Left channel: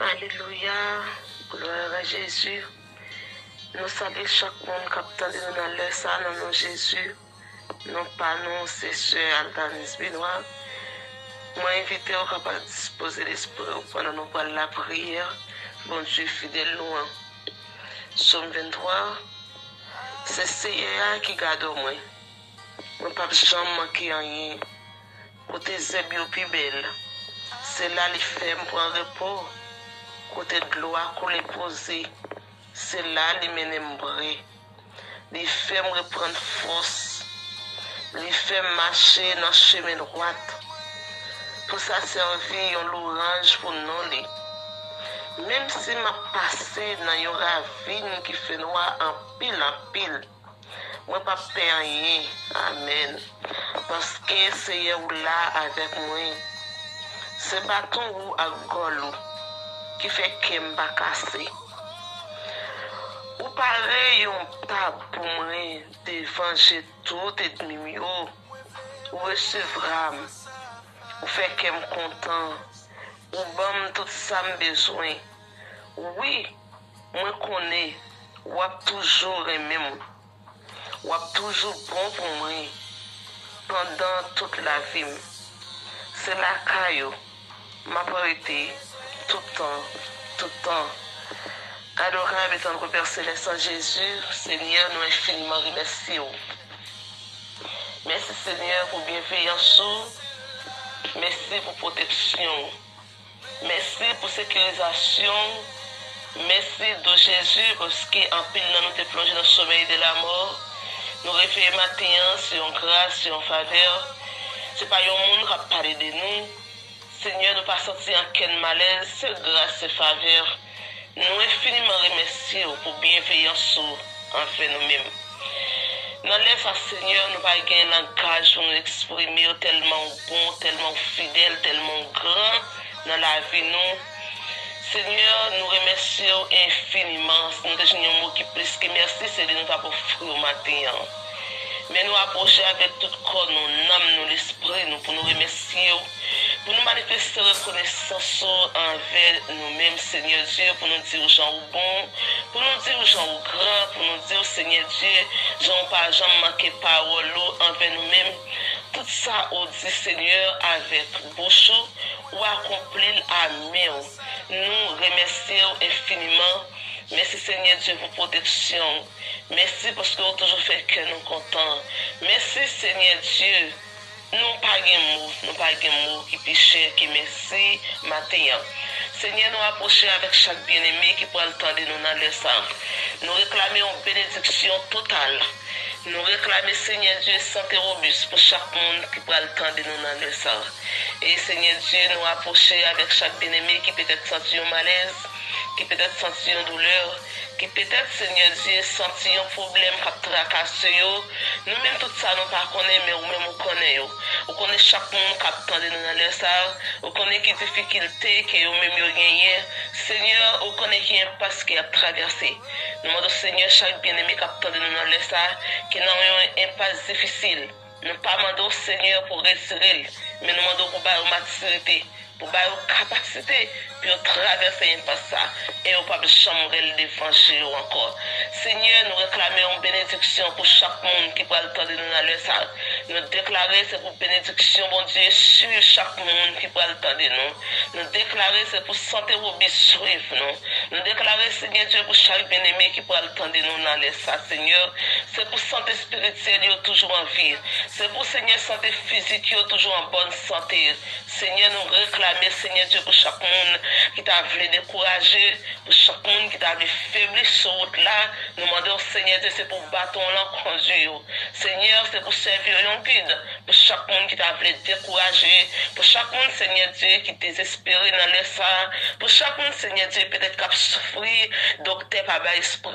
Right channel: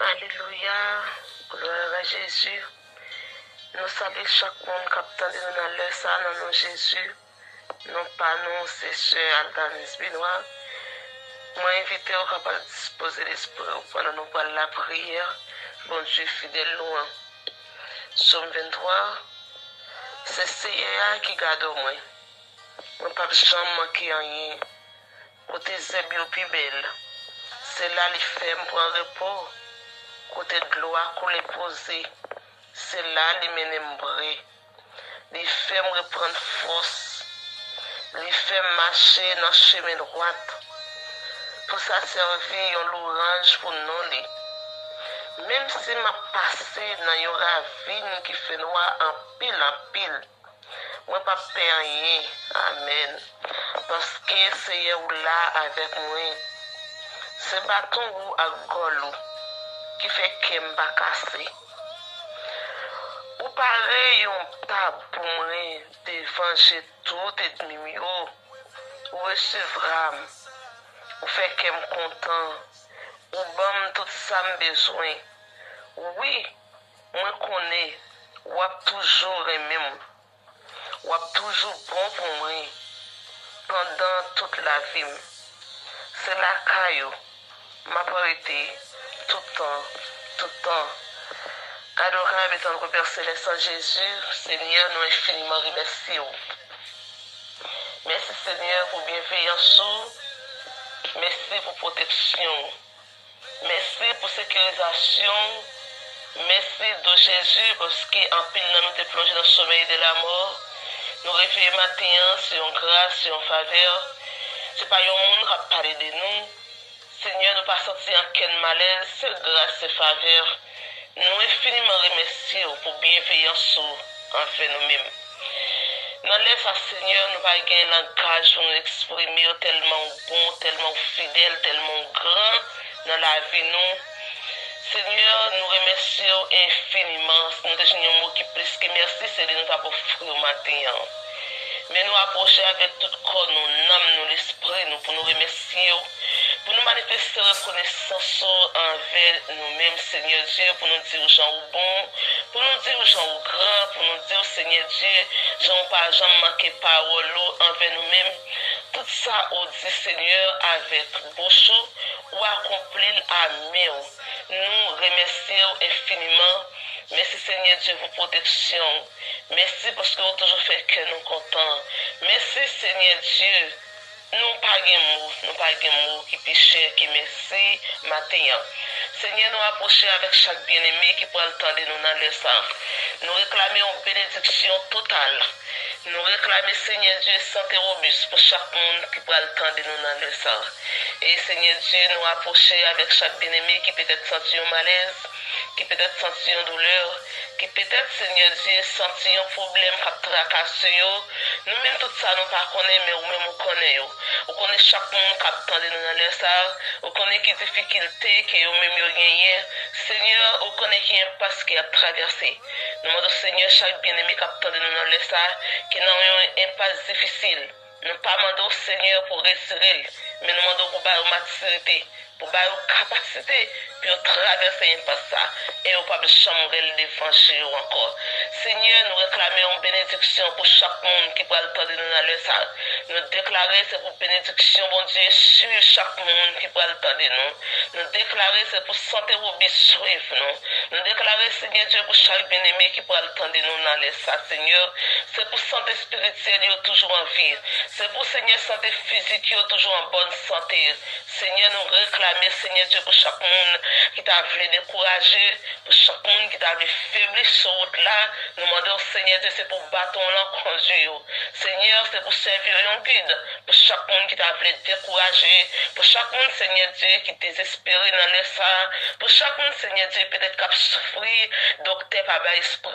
Alléluia. Gloire à Jésus. Nous saluons chaque monde qui attend de nous dans l'heure ça, dans nom Jésus. Non pas nous, c'est Sœur Altanis Benoît. Moi, invité au capable de disposer l'esprit pendant nous parler la prière. Bon Dieu fidèle loin. Somme 23. C'est Seigneur qui garde moi. Mon papa jamais manqué rien. Côté Zébio plus belle. C'est là les femmes prennent repos. Côté de l'eau à couler posé. C'est là les ménembrés. Les femmes reprennent force. Les femmes marcher dans le chemin droit. Pour ça servir un l'orange pour nous. Même si m'a passé dans une ravine qui fait noir en pile, moi pas peur rien. Amen. Parce que c'est là avec moi. C'est bâton ou à golou qui fait que m'a cassé. Ou pareil un table pour moi de venger tout ennemi ou recevra ou fait que me content ou bam tout ça me besoin. Oui, moi connais ou a toujours aimé moi. Ou a toujours bon pour moi pendant toute la vie. C'est la caillou m'a prêté tout le temps. Adorable et tendre Père Céleste en Jésus, Seigneur, nous infiniment remercions. Merci Seigneur pour bienveillance, merci pour protection, merci pour sécurisation, merci de Jésus parce qu'en pile nous te plongé dans le sommeil de la mort. Nous réveillons matin sur une grâce, sur une faveur. Ce n'est pas un monde qui a parlé de nous. Seigneur, nous ne pas sortir en quel malaise, c'est grâce et faveur. Nous infiniment remercions pour bienveillance envers nous-mêmes. Dans l'espace, Seigneur, nous pas gagner langage pour nous exprimer tellement bon, tellement fidèle, tellement grand dans la vie nous. Seigneur, nous remercions infiniment. Nous avons un mot qui plus que merci, c'est de nous avoir offert au matin. Mais nous approcher avec tout corps, nous âme, nous l'esprit, nous pour nous remercier, pour nous manifester reconnaissance envers nous-mêmes, Seigneur Dieu, pour nous dire aux gens au bon, pour nous dire aux gens au grand, pour nous dire, Seigneur Dieu, gens pas jamais manqué parole envers nous-mêmes. Tout ça, on dit, Seigneur, avec bouche, ou accomplir à main. Nous remercions infiniment. Merci Seigneur Dieu pour protection. Merci parce que vous toujours fait que nous contents. Merci Seigneur Dieu. Nous pas de mots qui pichent, qui merci matin. Seigneur, nous approchons avec chaque bien-aimé qui prend le temps de nous dans le sang. Nous réclamons une bénédiction totale. Nous réclamons, Seigneur Dieu, santé robuste pour chaque monde qui prend le temps de nous dans le sang. Et Seigneur Dieu, nous approchons avec chaque bien-aimé qui peut-être senti un malaise, qui peut-être senti une douleur, qui peut-être, Seigneur Dieu, senti un problème qui a tracassé. Nous-mêmes, tout ça, nous ne connaissons pas, mais nous-mêmes, nous connaissons. Vous connaissez chaque monde qui attend de nous dans le sang. Vous connaissez les difficultés que vous-même gagnez. Seigneur, vous connaissez qui impasse qui a traversé. Nous demandons, Seigneur, chaque bien-aimé qui attend de nous dans le sang, qui n'a un impasse difficile. Nous ne demandons, Seigneur, pour retirer, mais nous demandons pour avoir maturité, pour avoir capacité, pour traverser l'impasse ça. Et vous ne pouvez jamais le défendre encore. Seigneur, nous réclamons une bénédiction pour chaque monde qui prend le temps de nous dans le sang. Nous déclarons c'est pour bénédiction, bon Dieu, sur chaque monde qui prend le temps de nous. Nous déclarons c'est pour santé robuste suivre nous. Nous déclarons, Seigneur Dieu, pour chaque bien-aimé qui prend le temps de nous dans le sang, Seigneur. C'est pour santé spirituelle, toujours en vie. C'est pour, Seigneur, santé physique, toujours en bonne santé. Seigneur, nous réclamons, Seigneur Dieu, pour chaque monde qui t'a voulu décourager, pour chaque monde qui t'a voulu faiblir sur route là. Nous demandons, Seigneur Dieu, c'est pour bâton là conduire. Seigneur, c'est pour servir un guide. Pour chaque monde qui t'a voulu décourager. Pour chaque monde, Seigneur Dieu, qui désespéré dans le sang. Pour chaque monde, Seigneur Dieu, peut-être qu'il a souffert, docteur pas bas esprit.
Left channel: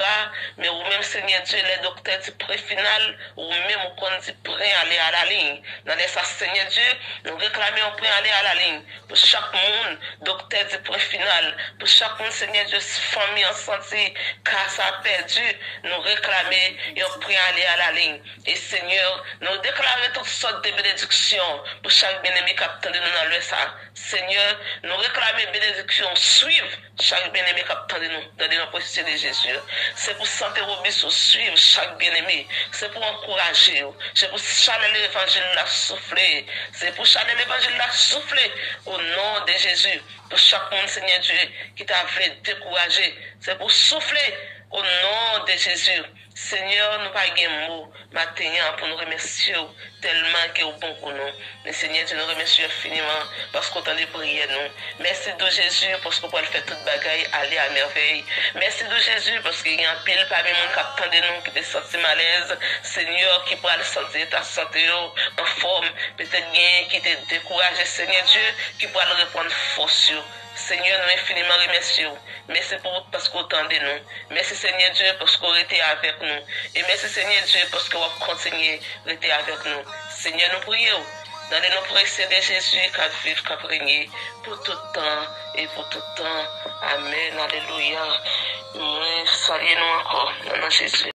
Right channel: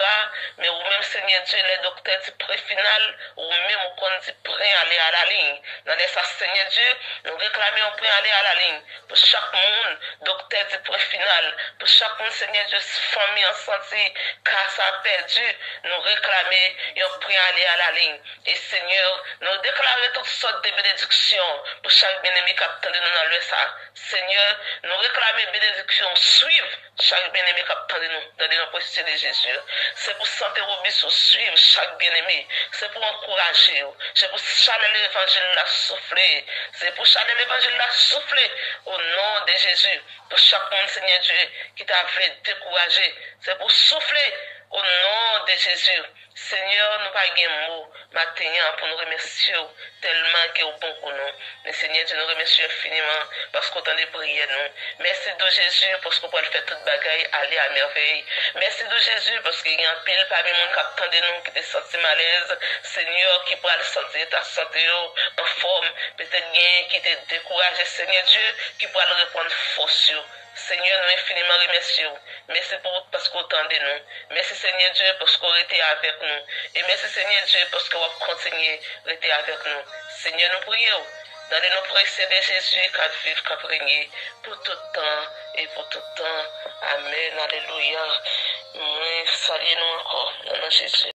Mais ou même, Seigneur Dieu, les docteurs du pré-final, ou même ou qu'on dit prêt à aller à la ligne. Dans les sang, Seigneur Dieu, nous réclamons prêt à aller à la ligne. Pour chaque monde, docteur du pré-final. Pour chaque monde, Seigneur Dieu, famille en santé, casse a perdu. Nous réclamer et on prie aller à la ligne. Et Seigneur, nous déclarons déclarer toutes sortes de bénédictions pour chaque bien-aimé qui attend de nous dans le ça. Seigneur, nous réclamer bénédictions, suivre chaque bien-aimé qui attend de nous dans le processus de Jésus. C'est pour santé Robinson, suivre chaque bien-aimé. C'est pour encourager. C'est pour chaler l'évangile la souffler. C'est pour chaler l'évangile la souffler au nom de Jésus. Pour chaque monde, Seigneur Dieu, qui t'a fait décourager. C'est pour souffler au nom de Jésus. Seigneur, nous pas de mots maintenant pour nous remercier tellement que est bon pour nous. Mais Seigneur, Dieu nous remercie infiniment parce qu'on t'a prié nous. Merci de Jésus parce qu'on peut faire toute bagaille aller à merveille. Merci de Jésus parce qu'il y a un pile parmi les gens qui attendent nous, qui te sentent malaise. Seigneur, qui pourra le sentir ta santé en forme. Peut-être bien qui te décourage, Seigneur Dieu, qui pourra le reprendre force. Seigneur, nous infiniment remercions. Merci pour parce qu'on entendait nous. Merci Seigneur Dieu parce qu'on était avec nous. Et merci Seigneur Dieu parce qu'on va continuer à être avec nous. Seigneur, nous prions dans les noms précieux de Jésus qui vivent, qui régner pour tout temps et pour tout temps. Amen. Alléluia. Nous saluons encore dans Jésus.